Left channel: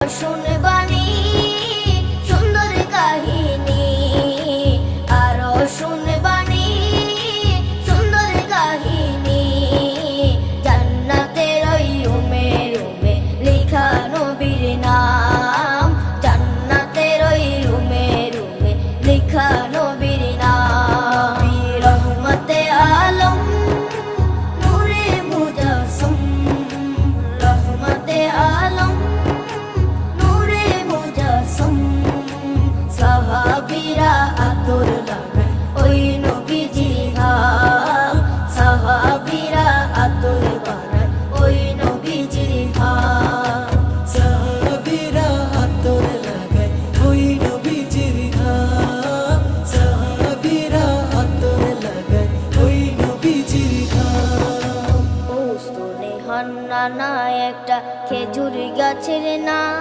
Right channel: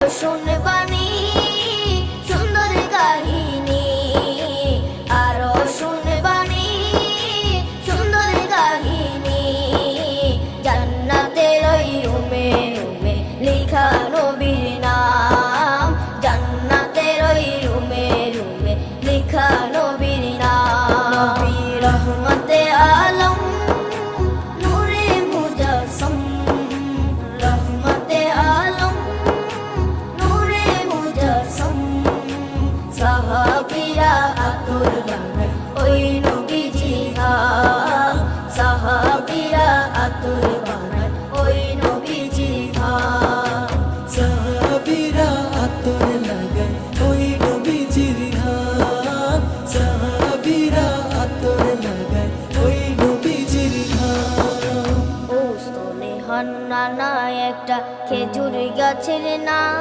শুনবানি সুন্দর কাহিনী, আরো শুনবানি সুন্দর কাহিনী। জান্নাতের ওই রুমে রুমে লেখা নবীর নাম, জান্নাতের ওই রুমে রুমে লেখা নবীর নাম। নবী রহমতে আলম নূরে মুজাসসম, রহমতে আলম নূরে মুজাসসম। সাহাবীরা আতর বানায় ওই নবীজির ঘাম, সাহাবীরা আতর বানায় ওই নবীজির ঘাম। সাহাবীরা আতর লাগায় ওই নবীজির ঘাম, সাহাবীরা আতর লাগায় ওই নবীজির ঘাম। ও স্তনে হান্নানা একটা খেজুর গাছের নাম।